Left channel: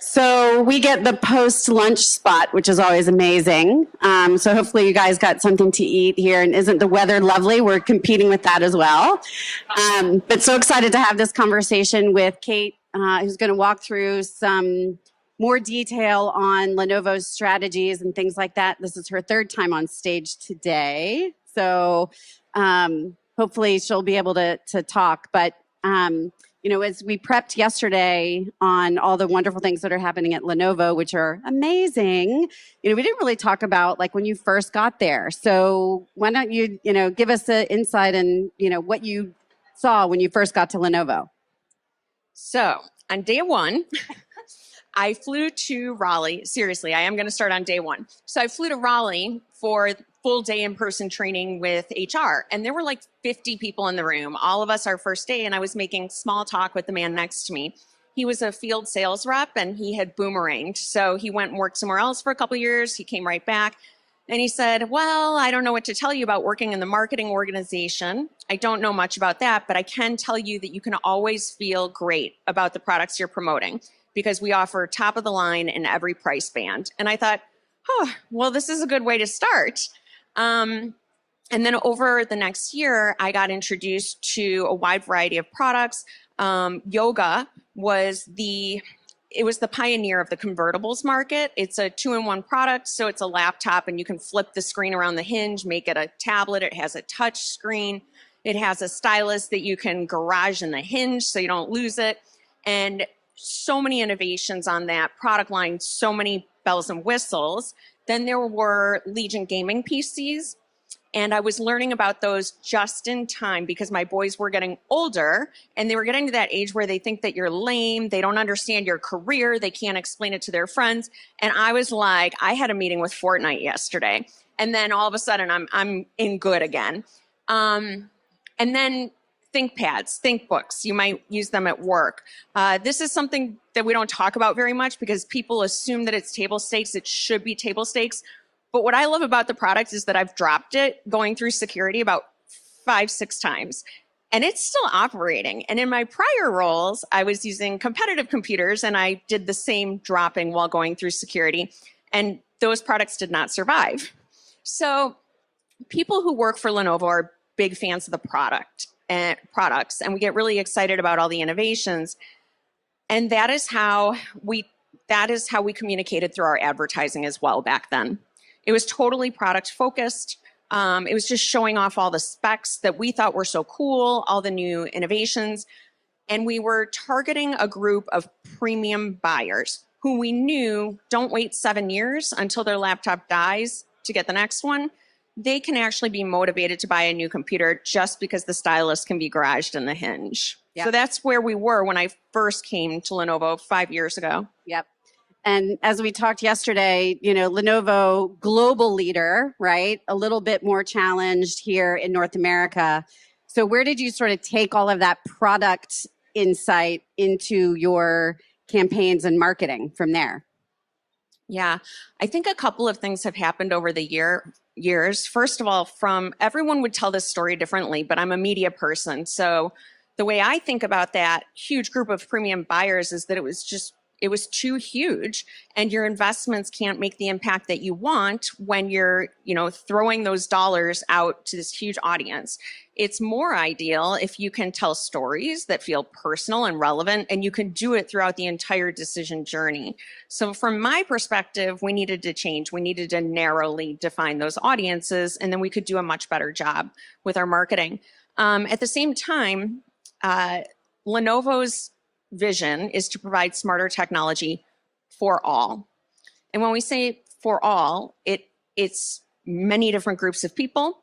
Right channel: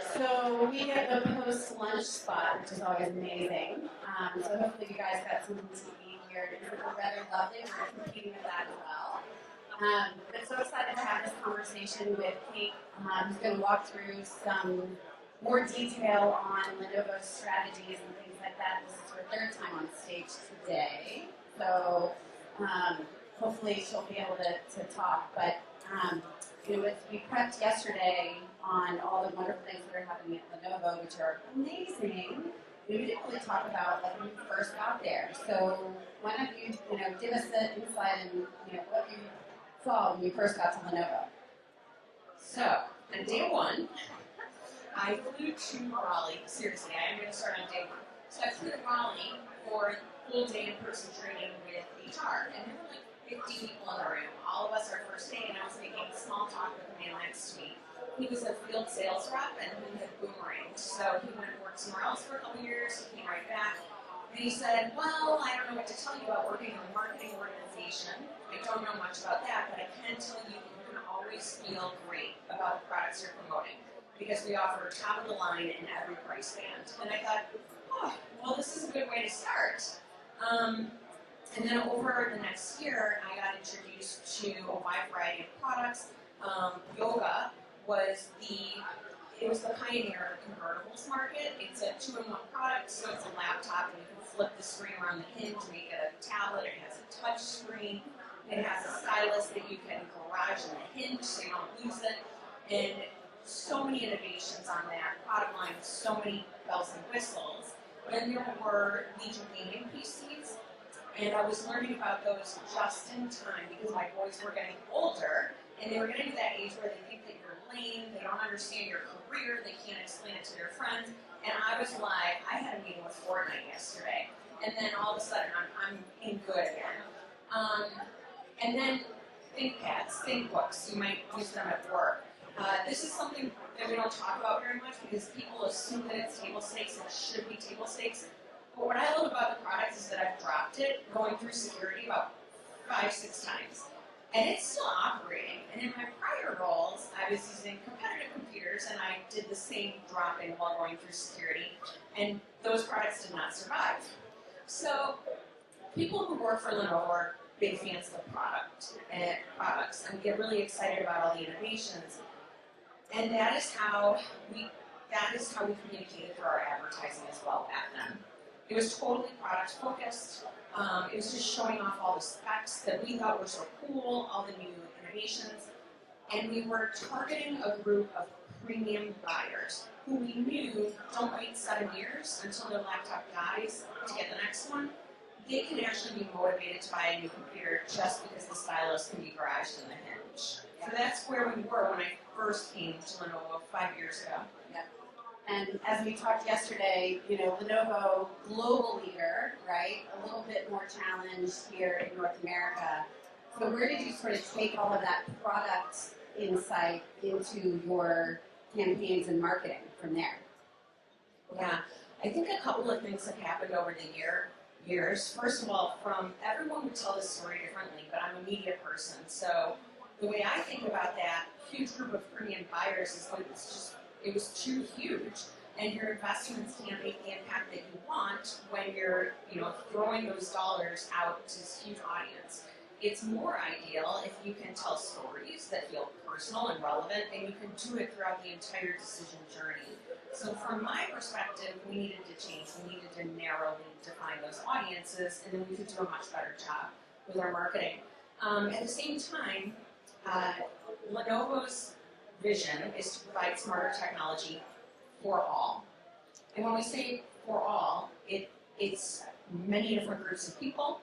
So we get the post-lunch spot, which is always amazing. So hopefully you guys got something to eat here. And isn't the weather lovely? We're competing with that as well. But so excited to have this conversation with Kate, who's going to walk through some more detail on Lenovo's strategies and things like that. This is her third time on stage today. So hopefully she'll be able to talk. But you know, as we prepped yesterday on all the wonderful things that are happening at Lenovo, which are amazing, you know, we didn't really talk about like when you first got there. So why don't you, you know, give us an insight in, you know, what you saw when you first got to Lenovo? So on day one, I flew to Raleigh. Seriously, I am going to start on day one. So I flew to Raleigh for full day in-person training with HR. And there were like 50 people in the room, all of us our first day. And I was making small talk with the man next to me. He was a field sales rep and he had boomeranged. So he went and worked somewhere else for a couple of years. He came right back and he said, well, I don't know what to tell you about working in the marketing organization. I don't know much about that, but I can tell you that you can always feel great about the products you're promoting because we offer top of the line in every price band. And I thought, oh, well, this is a good way to start. And then over the next year, I got introduced to a wide variety of products. Yoga was the pioneer of the convertibles market. It's a 2-in-1 product, so it's a laptop and you can flip the screen around the hinge, make it a tablet. It has a touch screen. It has a stylus that you can garage in the hinge so you don't lose it. And so many innovations on that product line, so many bells and whistles. Then there were Legion gaming PCs, and I was learning about those just in time because my boys were getting older, and they were getting to that age where they think that you're lame, they don't understand your career, they can't explain it to their friends. And I was like, I had a meeting with Fortnite yesterday, and then all of a sudden I'm in good again. And then ThinkPads, ThinkBooks, you might use them at work. This is something that we don't talk about very much because people assume that it's table stakes. It should be table stakes. But what I love about the product is that I've dropped it going through security about 5-6 times. And it's still operating. And in my prior roles, I was using competitive computers and I did the same dropping while going through security. And those products did not survive. So people who work for Lenovo are big fans of the products, and we get really excited about all the innovations. And that is how we communicated through our advertising as well back then. It was totally product focused. It was just showing off all the specs that we thought were so cool, all the new innovations. And we were targeting a group of premium buyers who we knew don't wait 7 years until their laptop dies to get the next one. They can actually be motivated to buy a new computer just because the stylus can be garaged in the hinge. Yep. So that's where we were when I first came to Lenovo 5 years ago. Yep. And as we talked yesterday, you know, Lenovo, global leader, right? A little bit more challenged here in North America. So where did you sort of take all of that product insight into your campaigns and marketing from there? Yeah, I think a couple of things have happened over the years. First of all, everyone would tell this story differently, but I'm a media person. So the way I think about that huge group of premium buyers is that it was too huge, and your investments can't make the impact that you want when you're, you know, throwing those dollars out to this huge audience. It's more ideal if you can tell stories that feel personal and relevant, and you can do it throughout the entire decision journey. So from my perspective, we needed to change. We needed to narrowly define those audiences, and then we could do a much better job with our marketing. At the same time, Lenovo's vision is to provide smarter technology for all. And when we say for all, it's many different groups of people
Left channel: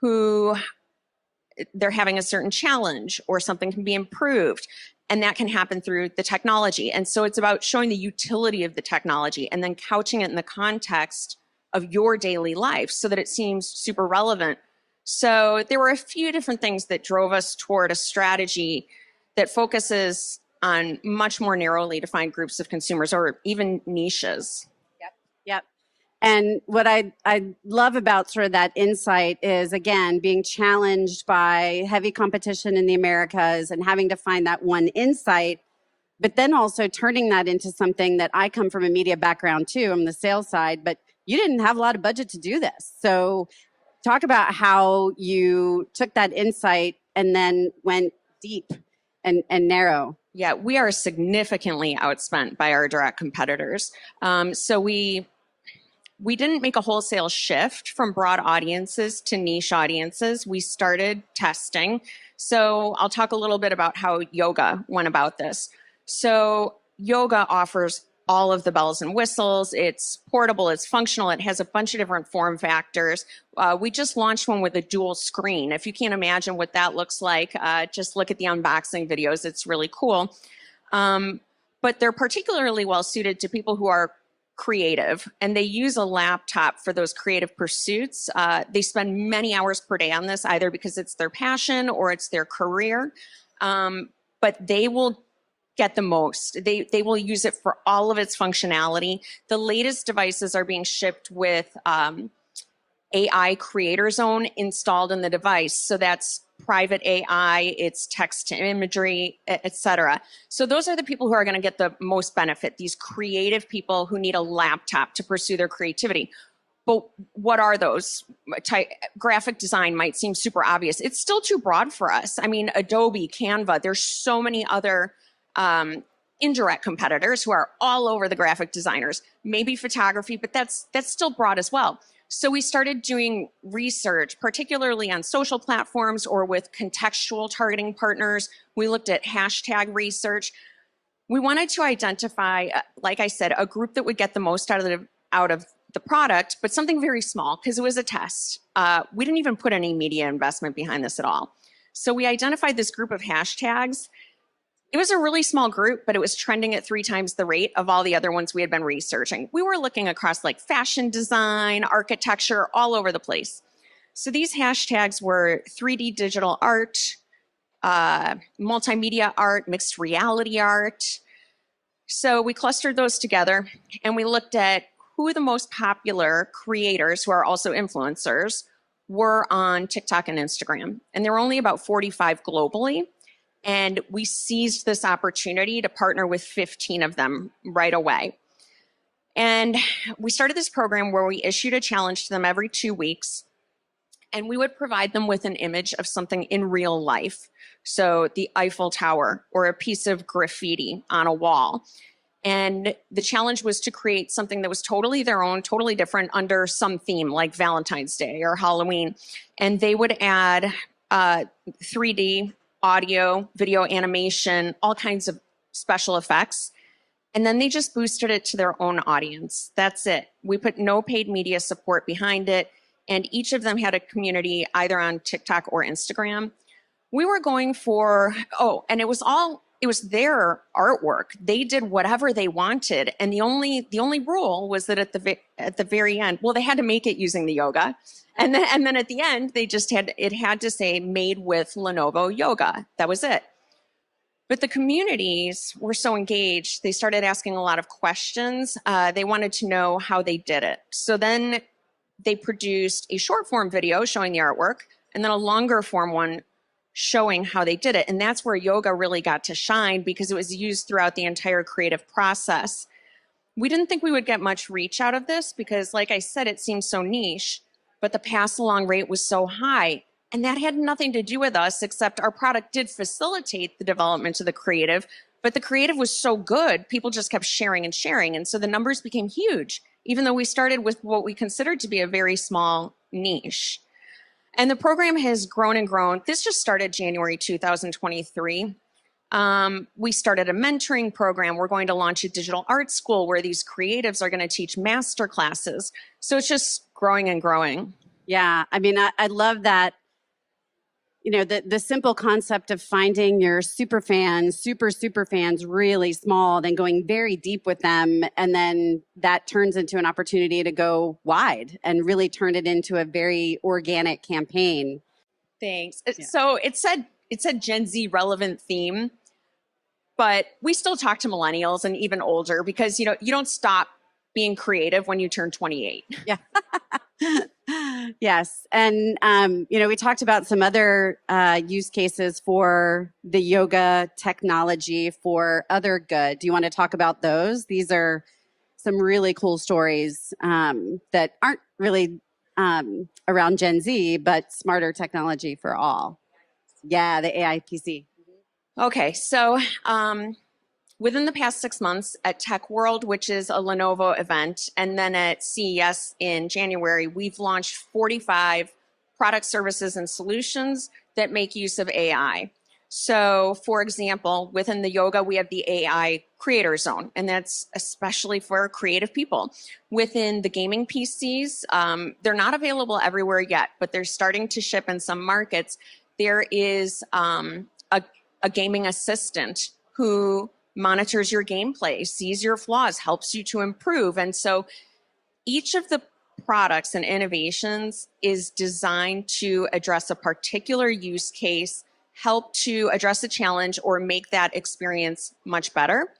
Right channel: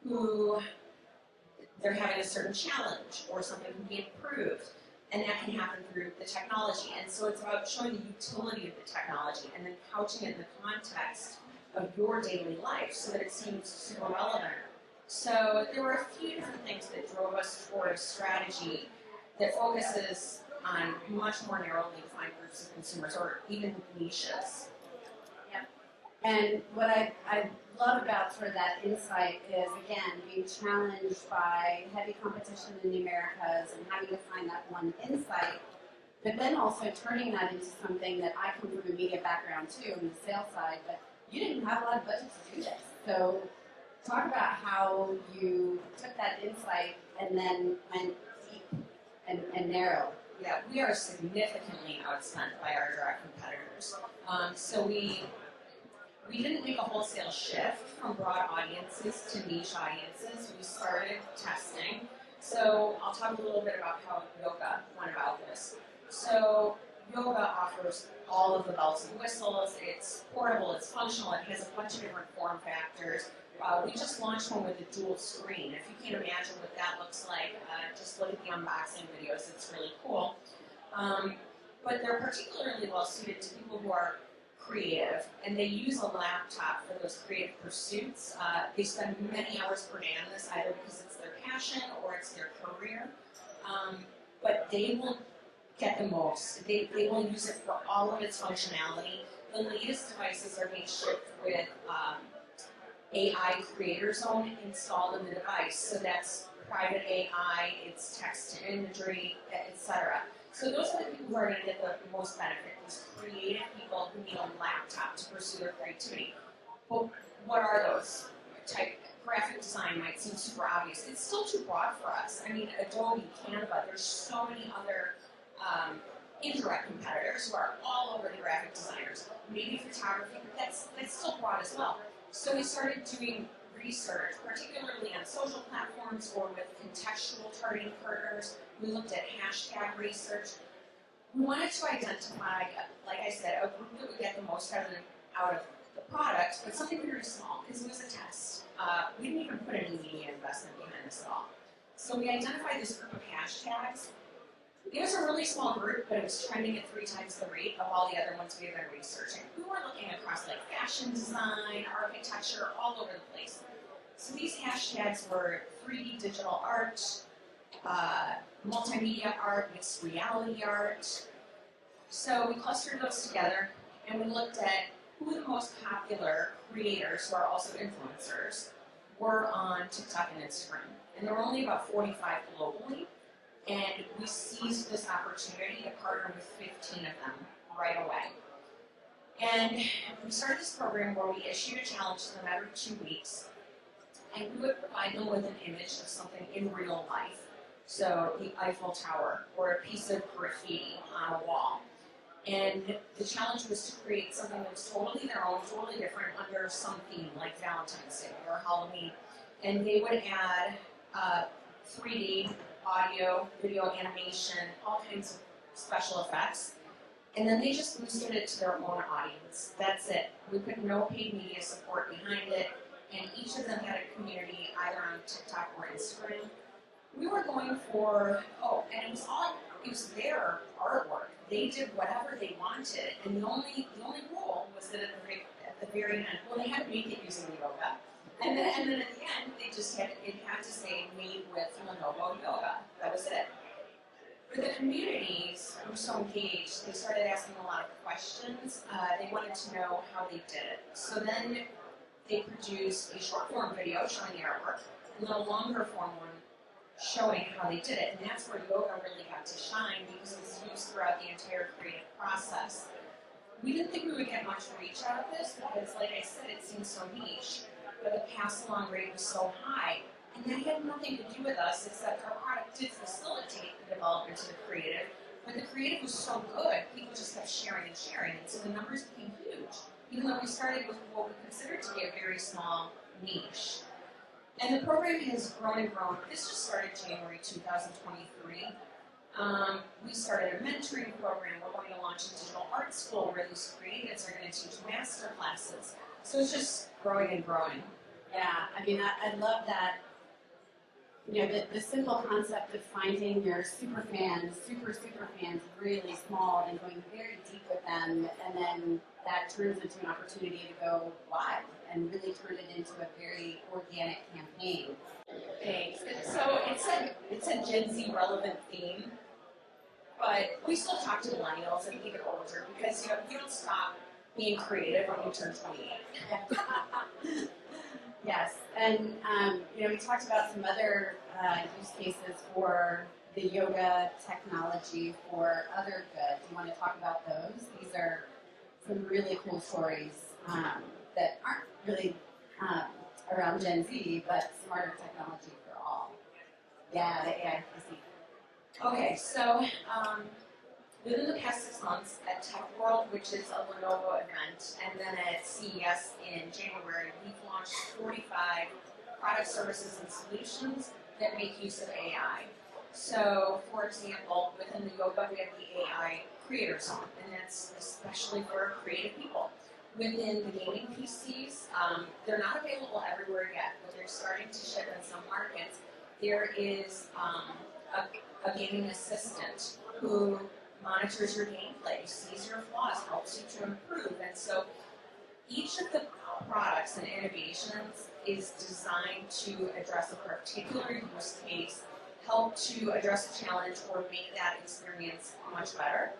who they're having a certain challenge or something can be improved, and that can happen through the technology. And so it's about showing the utility of the technology and then couching it in the context of your daily life so that it seems super relevant. So there were a few different things that drove us toward a strategy that focuses on much more narrowly defined groups of consumers or even niches. Yep. And what I love about sort of that insight is, again, being challenged by heavy competition in the Americas and having to find that one insight but then also turning that into something that I come from a media background too. I'm the sales side, but you didn't have a lot of budget to do this. So talk about how you took that insight and then went deep and narrow. Yeah, we are significantly outspent by our direct competitors. So we didn't make a wholesale shift from broad audiences to niche audiences. We started testing. So I'll talk a little bit about how yoga went about this. So yoga offers all of the bells and whistles. It's portable, it's functional, it has a bunch of different form factors. We just launched one with a dual screen. If you can't imagine what that looks like, just look at the unboxing videos. It's really cool. But they're particularly well suited to people who are creative, and they use a laptop for those creative pursuits. They spend many hours per day on this, either because it's their passion or it's their career. But they will get the most. They will use it for all of its functionality. The latest devices are being shipped with AI Creator Zone installed in the device. So that's private AI, it's text to imagery, etc. So those are the people who are going to get the most benefit, these creative people who need a laptop to pursue their creativity. But what are those? Graphic design might seem super obvious. It's still too broad for us. I mean, Adobe, Canva, there's so many other indirect competitors who are all over the graphic designers. Maybe photography, but that's still broad as well. So we started doing research, particularly on social platforms or with contextual targeting partners. We looked at hashtag research. We wanted to identify, like I said, a group that would get the most out of the product, but something very small, because it was a test. We didn't even put any media investment behind this at all. So we identified this group of hashtags. It was a really small group, but it was trending at 3 times the rate of all the other ones we had been researching. We were looking across like fashion design, architecture, all over the place. So these hashtags were 3D digital art, multimedia art, mixed reality art. So we clustered those together and we looked at who the most popular creators, who are also influencers, were on TikTok and Instagram. And there were only about 45 globally. And we seized this opportunity to partner with 15 of them right away. And we started this program where we issued a challenge to them every 2 weeks. And we would provide them with an image of something in real life. So the Eiffel Tower or a piece of graffiti on a wall. And the challenge was to create something that was totally their own, totally different under some theme like Valentine's Day or Halloween. And they would add 3D audio, video animation, all kinds of special effects. And then they just boosted it to their own audience. That's it. We put no paid media support behind it. And each of them had a community either on TikTok or Instagram. We were going for, and it was their artwork. They did whatever they wanted. And the only rule was that at the very end, well, they had to make it using the yoga. And then at the end, it had to say made with Lenovo yoga. That was it. But the communities were so engaged, they started asking a lot of questions. They wanted to know how they did it. So then they produced a short form video showing the artwork and then a longer form one showing how they did it. And that's where yoga really got to shine because it was used throughout the entire creative process. We didn't think we would get much reach out of this because, like I said, it seems so niche. But the pass-along rate was so high. And that had nothing to do with us, except our product did facilitate the development of the creative. But the creative was so good, people just kept sharing and sharing. And so the numbers became huge, even though we started with what we considered to be a very small niche. And the program has grown and grown. This just started January 2023. We started a mentoring program. We're going to launch a digital art school where these creatives are going to teach master classes. So it's just growing and growing. Yeah, I mean, I love that, the simple concept of finding your super fans really small, then going very deep with them. And then that turns into an opportunity to go wide and really turn it into a very organic campaign. Thanks. So it said Gen Z relevant theme, but we still talk to millennials and even older because, you don't stop being creative when you turn 28. Yeah. Yes, and we talked about some other use cases for the yoga technology for other good. Do you want to talk about those? These are some really cool stories that aren't really around Gen Z, but smarter technology for all. Yeah, the AI PC. Okay, so within the past 6 months at Tech World, which is a Lenovo event, and then at CES in January, we've launched 45 products, services, and solutions that make use of AI. So, for example, within the yoga, we have the AI Creator Zone, and that's especially for creative people. Within the gaming PCs, they're not available everywhere yet, but they're starting to ship in some markets. There is a gaming assistant who monitors your gameplay, sees your flaws, helps you to improve. And so each of the products and innovations is designed to address a particular use case, help to address a challenge, or make that experience much better.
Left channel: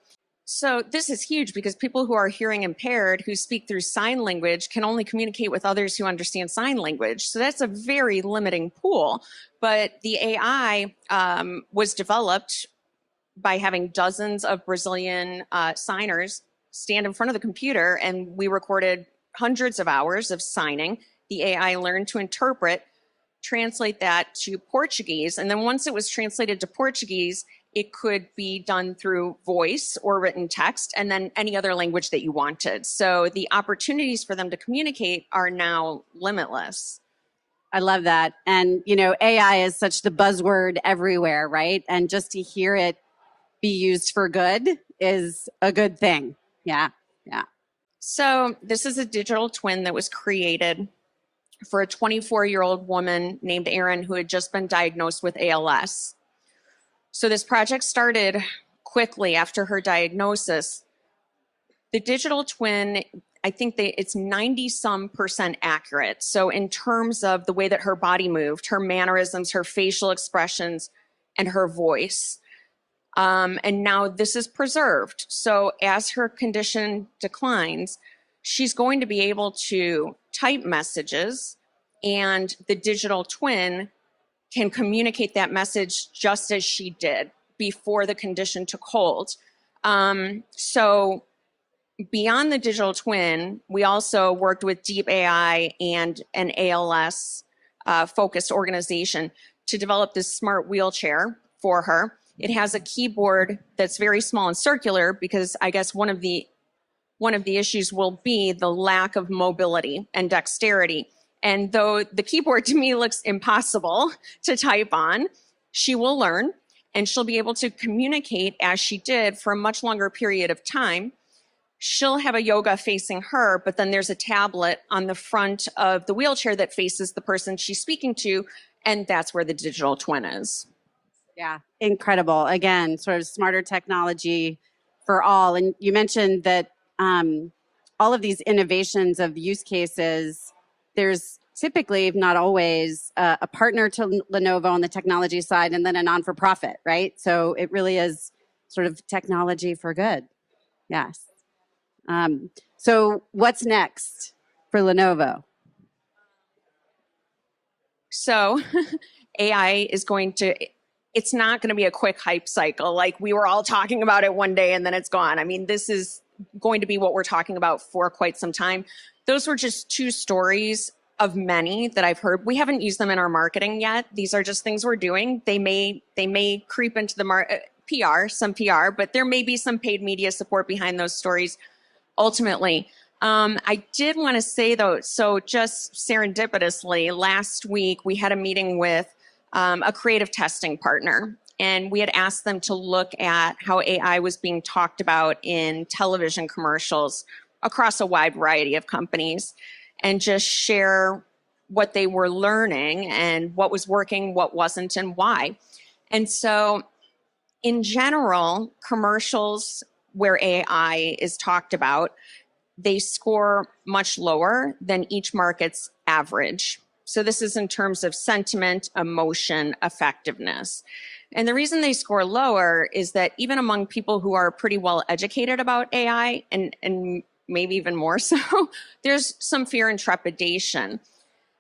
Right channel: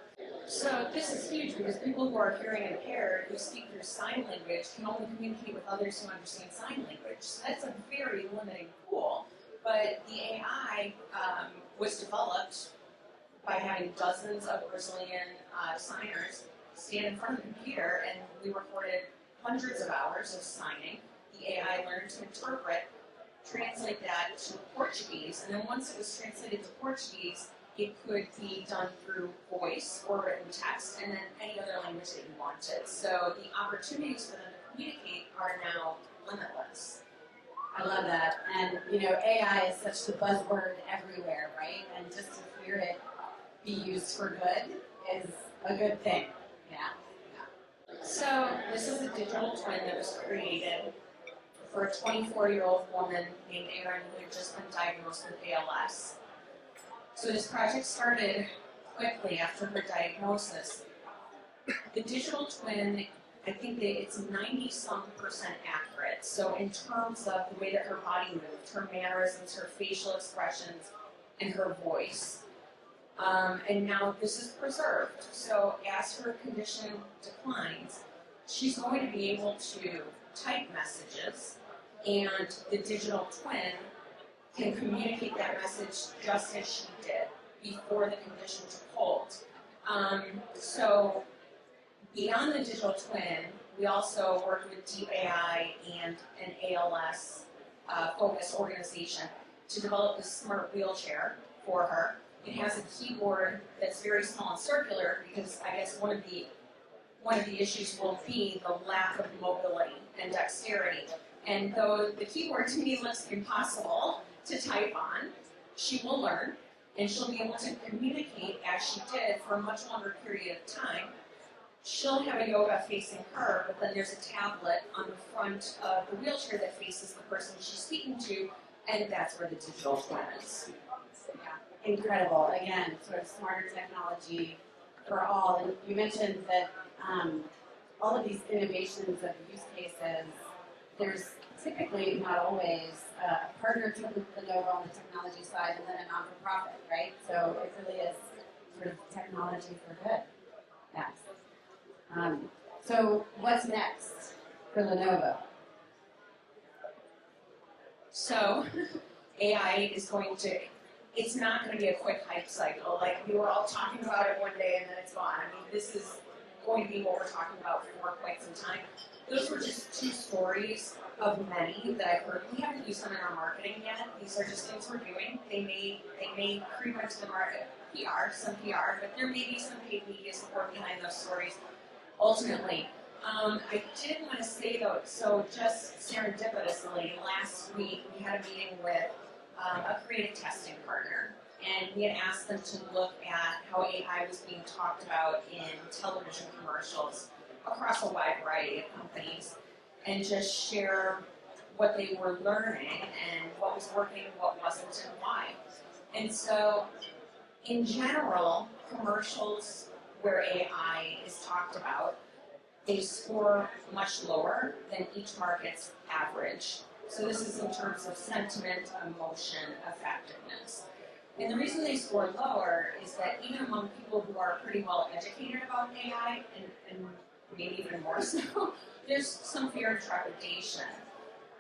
So this is huge because people who are hearing impaired, who speak through sign language, can only communicate with others who understand sign language. So that's a very limiting pool. But the AI was developed by having dozens of Brazilian signers stand in front of the computer, and we recorded hundreds of hours of signing. The AI learned to interpret, translate that to Portuguese, and then once it was translated to Portuguese, it could be done through voice or written text, and then any other language that you wanted. So the opportunities for them to communicate are now limitless. I love that. And, AI is such the buzzword everywhere, right? And just to hear it be used for good is a good thing. Yeah, yeah. So this is a digital twin that was created for a 24-year-old woman named Erin who had just been diagnosed with ALS. So this project started quickly after her diagnosis. The digital twin, I think it's 90-some% accurate. So in terms of the way that her body moved, her mannerisms, her facial expressions, and her voice. And now this is preserved. So as her condition declines, she's going to be able to type messages, and the digital twin can communicate that message just as she did before the condition took hold. So beyond the digital twin, we also worked with Deep AI and an ALS focused organization to develop this smart wheelchair for her. It has a keyboard that's very small and circular because I guess one of the issues will be the lack of mobility and dexterity. And though the keyboard to me looks impossible to type on, she will learn and she'll be able to communicate as she did for a much longer period of time. She'll have a yoga facing her, but then there's a tablet on the front of the wheelchair that faces the person she's speaking to, and that's where the digital twin is. Yeah, incredible. Again, sort of smarter technology for all. And you mentioned that all of these innovations of use cases, there's typically, not always, a partner to Lenovo on the technology side and then a non-for-profit, right? So it really is sort of technology for good. Yes. So what's next for Lenovo? So AI is it's not going to be a quick hype cycle. Like we were all talking about it one day and then it's gone. I mean, this is going to be what we're talking about for quite some time. Those were just two stories of many that I've heard. We haven't used them in our marketing yet. These are just things we're doing. They may creep into the some PR, but there may be some paid media support behind those stories ultimately. I did want to say though, so just serendipitously, last week we had a meeting with a creative testing partner, and we had asked them to look at how AI was being talked about in television commercials across a wide variety of companies and just share what they were learning and what was working, what wasn't, and why. And so in general, commercials where AI is talked about, they score much lower than each market's average. So this is in terms of sentiment, emotion, effectiveness. And the reason they score lower is that even among people who are pretty well educated about AI, and maybe even more so, there's some fear and trepidation.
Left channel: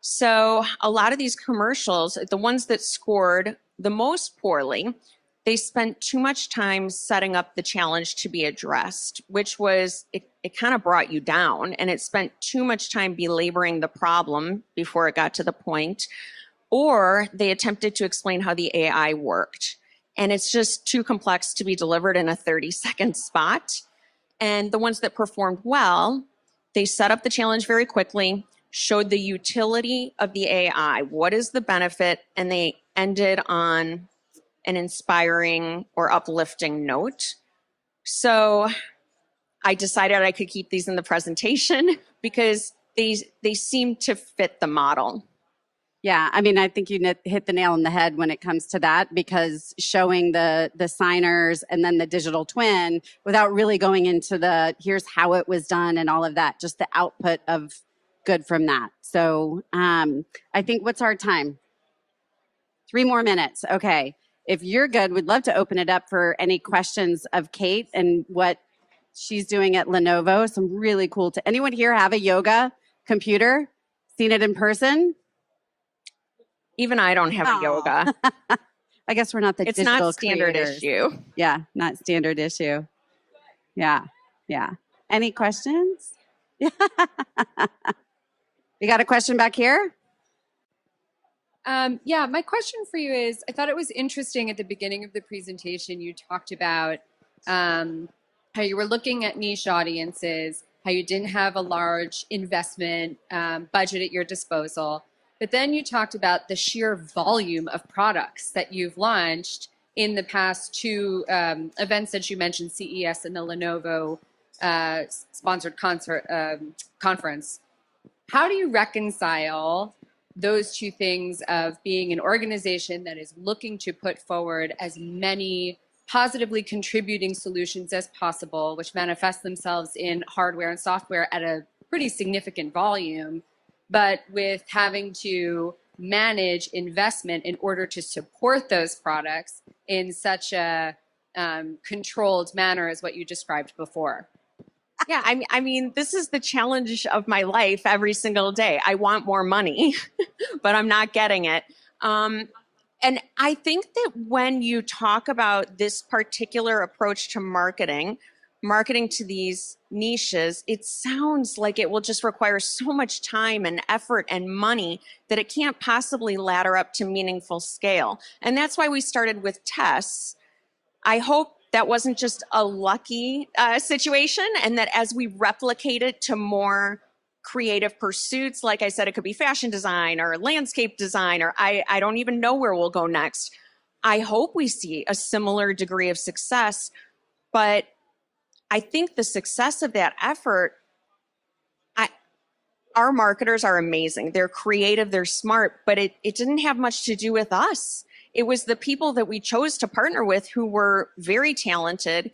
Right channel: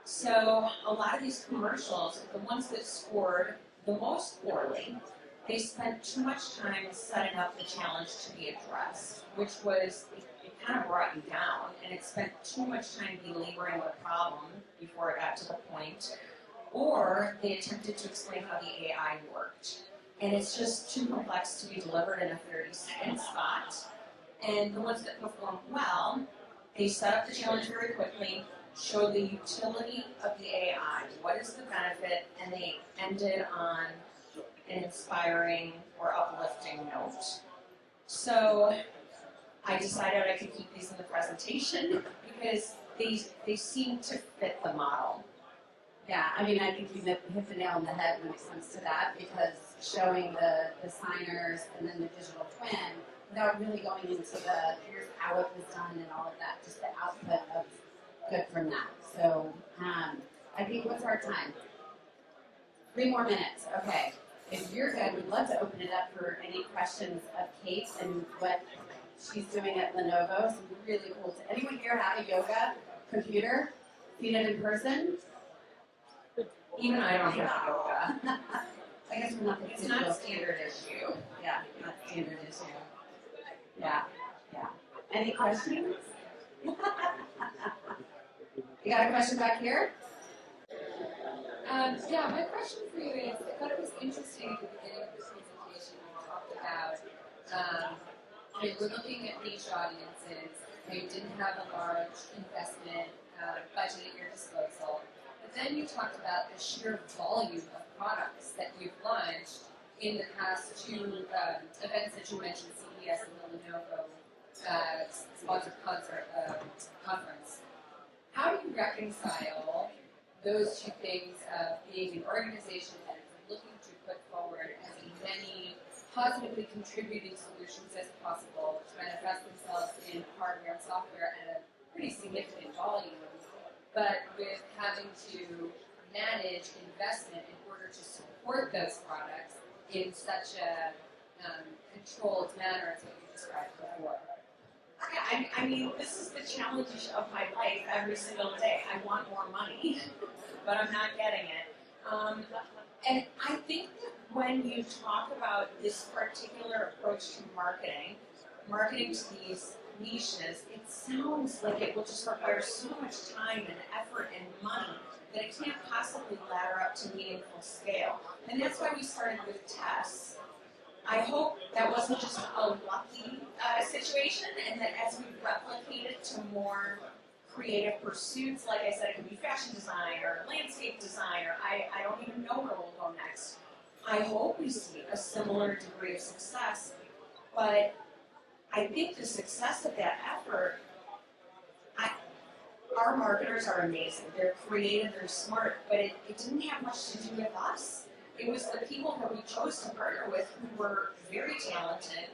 So a lot of these commercials, the ones that scored the most poorly, they spent too much time setting up the challenge to be addressed, which was, it kind of brought you down, and it spent too much time belaboring the problem before it got to the point, or they attempted to explain how the AI worked. And it's just too complex to be delivered in a 30-second spot. And the ones that performed well, they set up the challenge very quickly, showed the utility of the AI, what is the benefit, and they ended on an inspiring or uplifting note. So I decided I could keep these in the presentation because they seem to fit the model. Yeah, I mean, I think you hit the nail on the head when it comes to that, because showing the signers and then the digital twin without really going into the here's how it was done and all of that, just the output of good from that. So I think, what's our time? 3 more minutes. Okay. If you're good, we'd love to open it up for any questions of Kate and what she's doing at Lenovo. Some really cool. Anyone here have a yoga computer? Seen it in person? Even I don't have a yoga. I guess we're not the It's digital not standard creators. issue. Yeah, not standard issue. Yeah, yeah. Any questions? You got a question back here? Yeah, my question for you is, I thought it was interesting at the beginning of the presentation, you talked about how you were looking at niche audiences, how you didn't have a large investment budget at your disposal. But then you talked about the sheer volume of products that you've launched in the past 2 events that you mentioned, CES and the Lenovo sponsored conference. How do you reconcile those 2 things of being an organization that is looking to put forward as many positively contributing solutions as possible, which manifest themselves in hardware and software at a pretty significant volume, but with having to manage investment in order to support those products in such a controlled manner as what you described before? Yeah, I mean, this is the challenge of my life every single day. I want more money, but I'm not getting it. And I think that when you talk about this particular approach to marketing to these niches, it sounds like it will just require so much time and effort and money that it can't possibly ladder up to meaningful scale. And that's why we started with tests. I hope that wasn't just a lucky situation, and that as we replicate it to more creative pursuits, like I said, it could be fashion design or landscape design, or I don't even know where we'll go next. I hope we see a similar degree of success, but I think the success of that effort, our marketers are amazing. They're creative, they're smart, but it didn't have much to do with us. It was the people that we chose to partner with who were very talented,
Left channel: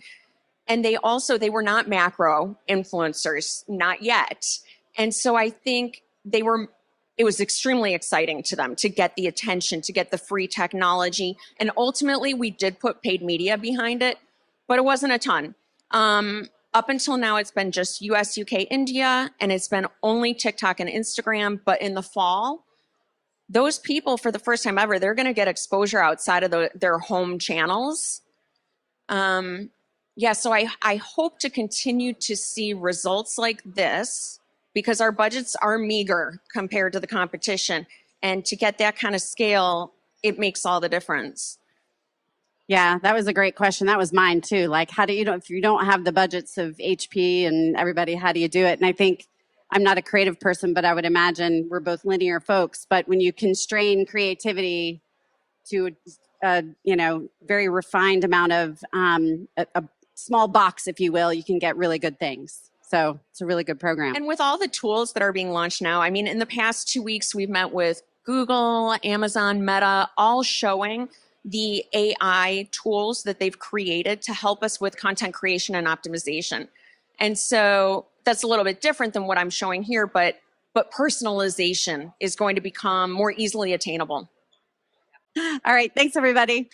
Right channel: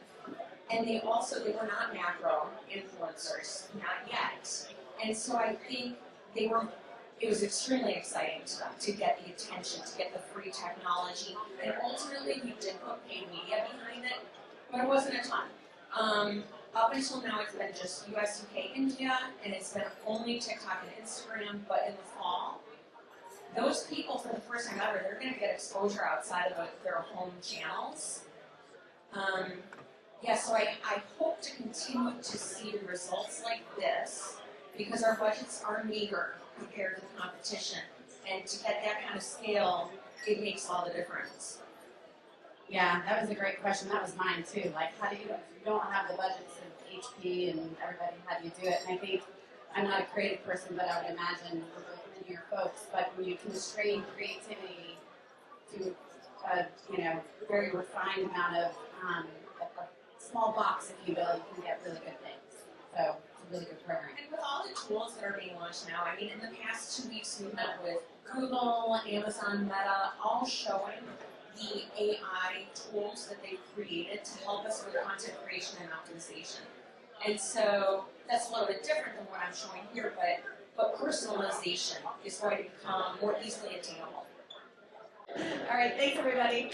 and they were not macro influencers, not yet. And so I think it was extremely exciting to them to get the attention, to get the free technology, and ultimately we did put paid media behind it, but it wasn't a ton. Up until now, it's been just US, UK, India, and it's been only TikTok and Instagram, but in the fall, those people, for the first time ever, they're going to get exposure outside of their home channels. Yeah, so I hope to continue to see results like this, because our budgets are meager compared to the competition. And to get that kind of scale, it makes all the difference. Yeah, that was a great question. That was mine too. Like, how do you if you don't have the budgets of HP and everybody, how do you do it? And I think, I'm not a creative person, but I would imagine we're both linear folks. But when you constrain creativity to a very refined amount of a small box, if you will, you can get really good things. So it's a really good program. And with all the tools that are being launched now, I mean, in the past 2 weeks, we've met with Google, Amazon, Meta, all showing the AI tools that they've created to help us with content creation and optimization. And so that's a little bit different than what I'm showing here, but personalization is going to become more easily attainable. All right, thanks everybody.